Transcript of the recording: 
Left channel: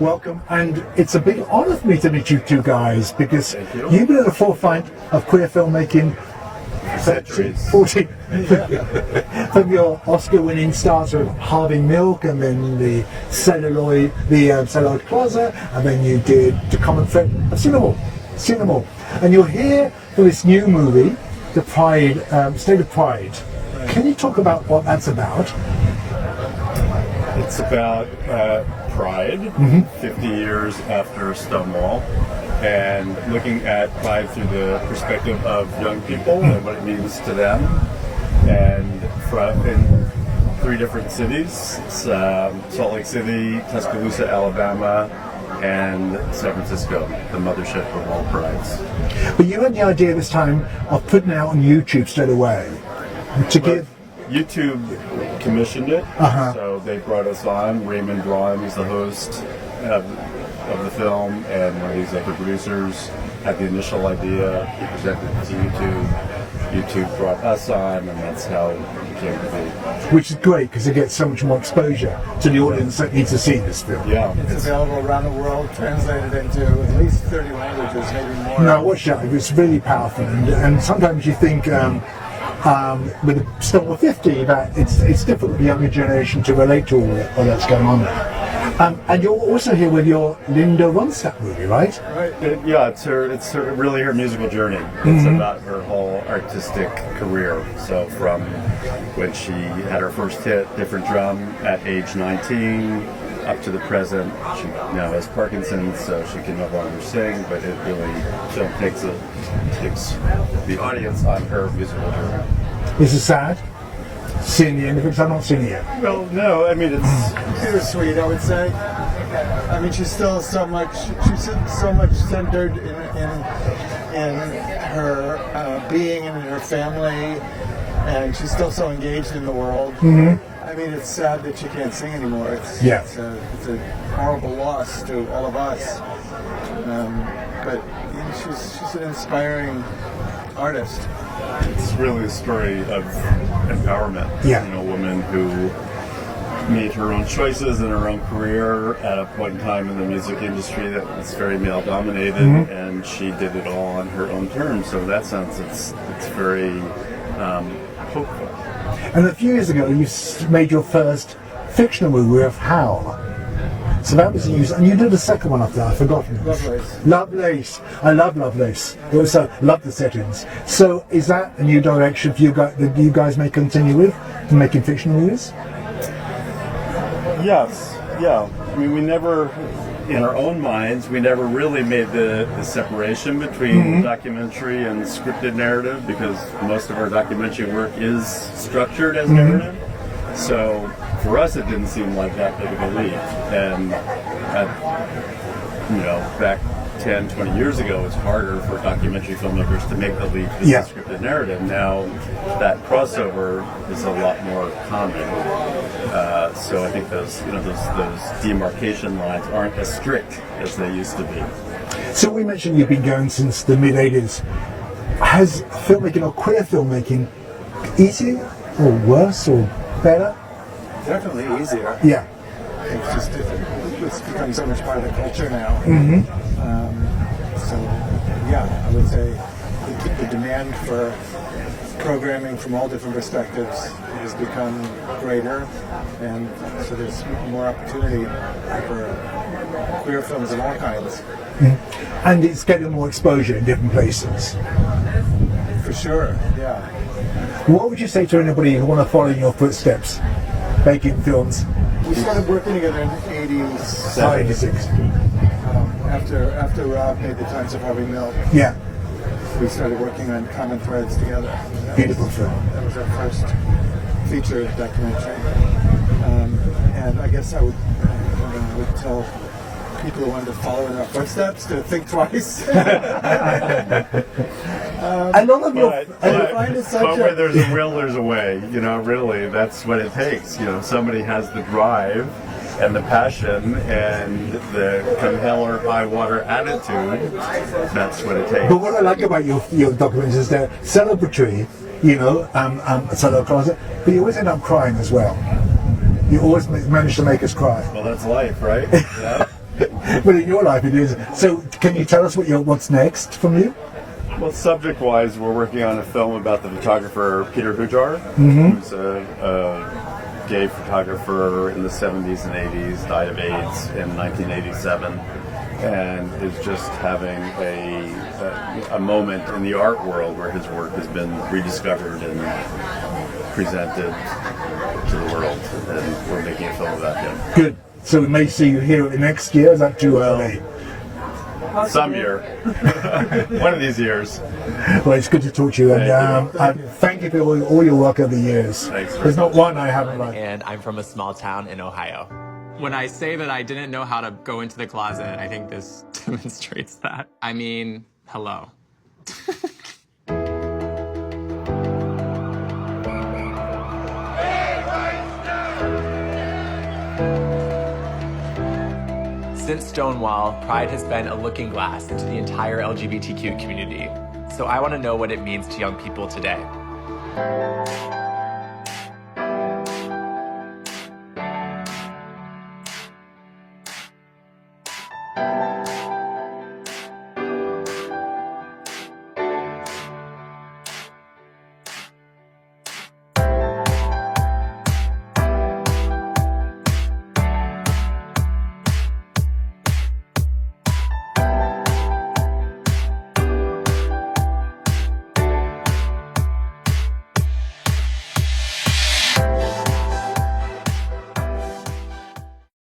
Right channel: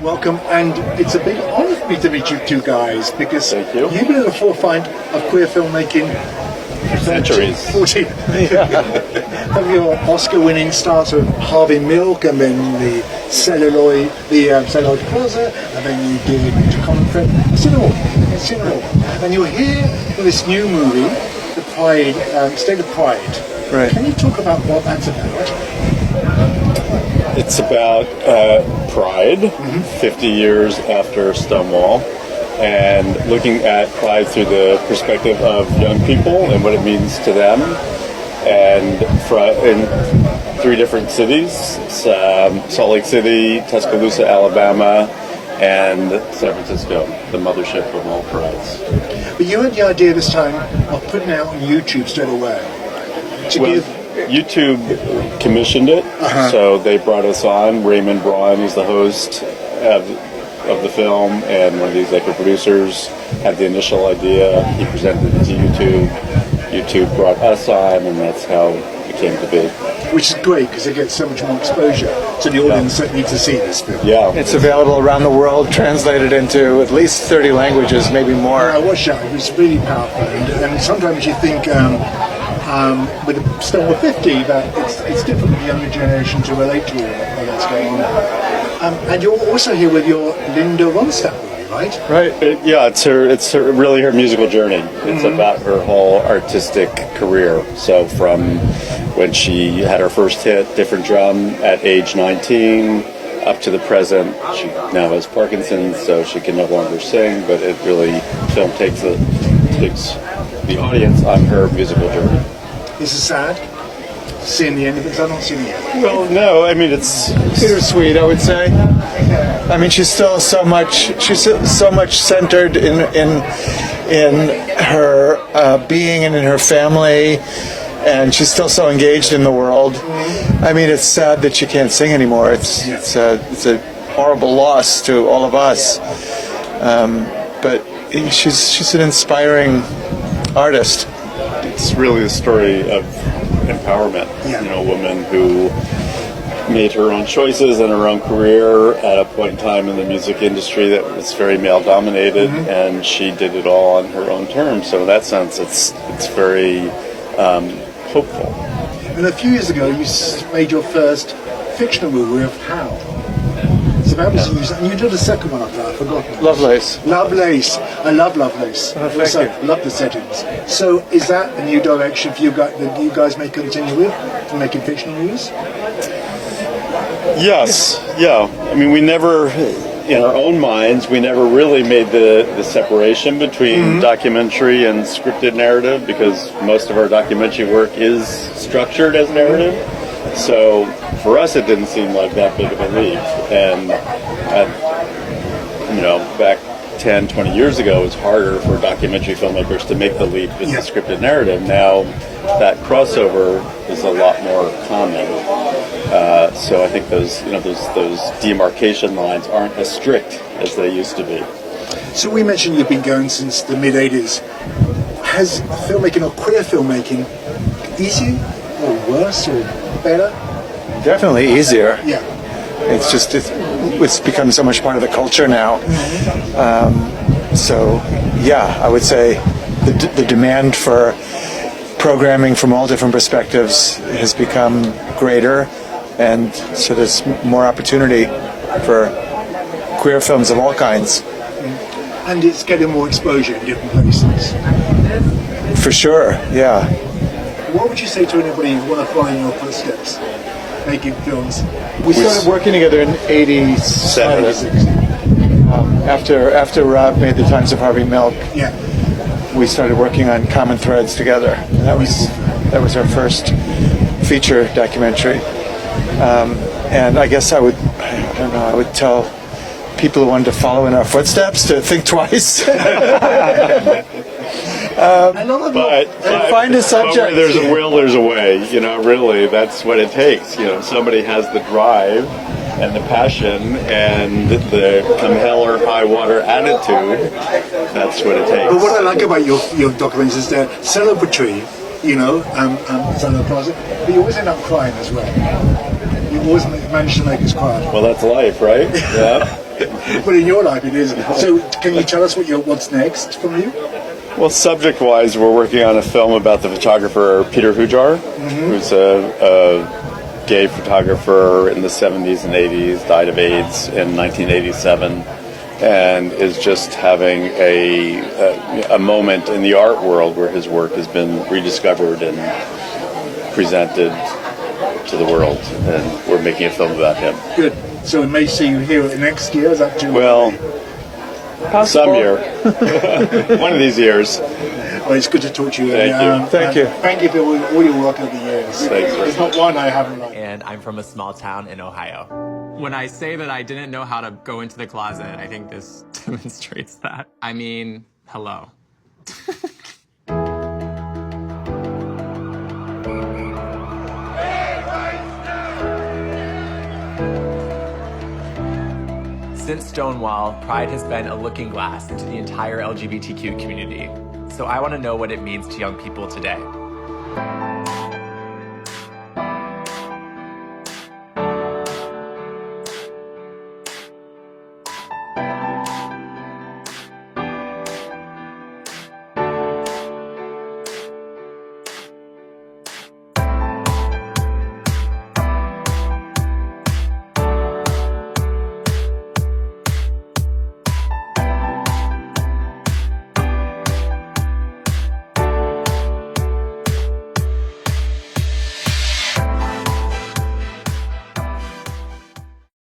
Welcome, and it's a big honour for me to meet you two guys because Thank you. You've been at the forefront of queer filmmaking For centuries. 40. From your Oscar-winning start of Harvey Milk, and then the Celluloid Plaza, and then you did To Common Friend. I've seen them all. And you're here for this new movie, the Pride, State of Pride. Right. Can you talk about what that's about? It's about Pride, 50 years after Stonewall, and looking at Pride through the perspective of young people and what it means to them. And in 3 different cities, Salt Lake City, Tuscaloosa, Alabama, and San Francisco, the mothership of all prides. But you had the idea this time of putting it out on YouTube straight away. YouTube commissioned it, so they brought us on. Raymond Braun is the host of the film, and one of the executive producers had the initial idea. He presented it to YouTube. YouTube brought us on, and that's how it came to be. Which is great because it gets so much more exposure to the audience that needs to see this film. Yeah, It's available around the world, translated into at least 30 languages, maybe more. No, I watched that. It was really powerful, and sometimes you think. With the Stonewall 50, that it's difficult for the younger generation to relate to all that's going on there. And you're also here with your Linda Ronstadt movie, right? Right. Yeah, it's really her musical journey. It's about her whole artistic career. So from when she had her first hit, Different Drum, at age 19, up to the present. She now has Parkinson's, so she can no longer sing, but it really, film takes the audience on her musical journey. This is sad. Seeing the end of it, because I've not seen it yet. Well, no, I mean it's Bittersweet, I would say. I mean, she's still so much centered in her being and in her family, and she's still so engaged in the world. I mean, it's sad that she can't sing anymore. It's a horrible loss to all of us. But she's an inspiring artist. It's really a story of empowerment. Yeah. You know, a woman who made her own choices and her own career at a point in time in the music industry that was very male-dominated, and she did it all on her own terms. So in that sense, it's very hopeful. And a few years ago, you made your first fictional movie of How. So that was and you did a second one after that. I've forgotten. Lovelace. Lovelace. I love Lovelace. Thank Also you. love the settings. So is that a new direction for you guys that you guys may continue with, making fictional movies? Yes. Yeah. I mean, we never, in our own minds, we never really made the separation between documentary and scripted narrative, because most of our documentary work is structured as narrative. So for us, it didn't seem like that big of a leap. And, back 10, 20 years ago, it was harder for documentary filmmakers to make the leap with the scripted narrative. Now that crossover is a lot more common. So I think those demarcation lines aren't as strict as they used to be. So we mentioned you've been going since the mid-'80s. Has filmmaking or queer filmmaking easier or worse or better? Definitely easier. Yeah. It's just it's become so much part of the culture now. So yeah, I would say the demand for programming from all different perspectives has become greater, and so there's more opportunity for queer films of all kinds. And it's getting more exposure in different places. For sure, yeah. What would you say to anybody who want to follow in your footsteps, making films? We started working together in '87. 86. After Rob made The Times of Harvey Milk, Yeah. we started working on Common Threads together. And that was our first feature documentary. And I guess I would tell people who wanted to follow in our footsteps to think twice. Find a subject. Where there's a will, there's a way. Really, that's what it takes. Somebody has the drive and the passion and the come hell or high water attitude. That's what it takes. But what I like about your documentaries is they're celebratory, solo closet, but you always end up crying as well. You always manage to make us cry. Well, that's life, right? Yeah. But in your life, it is. So, can you tell us what's next from you? Well, subject-wise, we're working on a film about the photographer Peter Hujar, who's a gay photographer in the 70s and 80s, died of AIDS in 1987, and is just having a moment in the art world where his work has been rediscovered and presented to the world, and we're making a film about him. Good. So we may see you here next year. Is that too early? Some year. One of these years. Well, it's good to talk to you. Thank you. Thank you for all your work over the years. Thanks. There's not one I haven't liked. And I'm from a small town in Ohio. When I say that I didn't know how to go into the closet, I think this demonstrates that. I mean, hello. Since Stonewall, Pride has been a looking glass into the entire LGBTQ community. So I want to know what it means to young people today.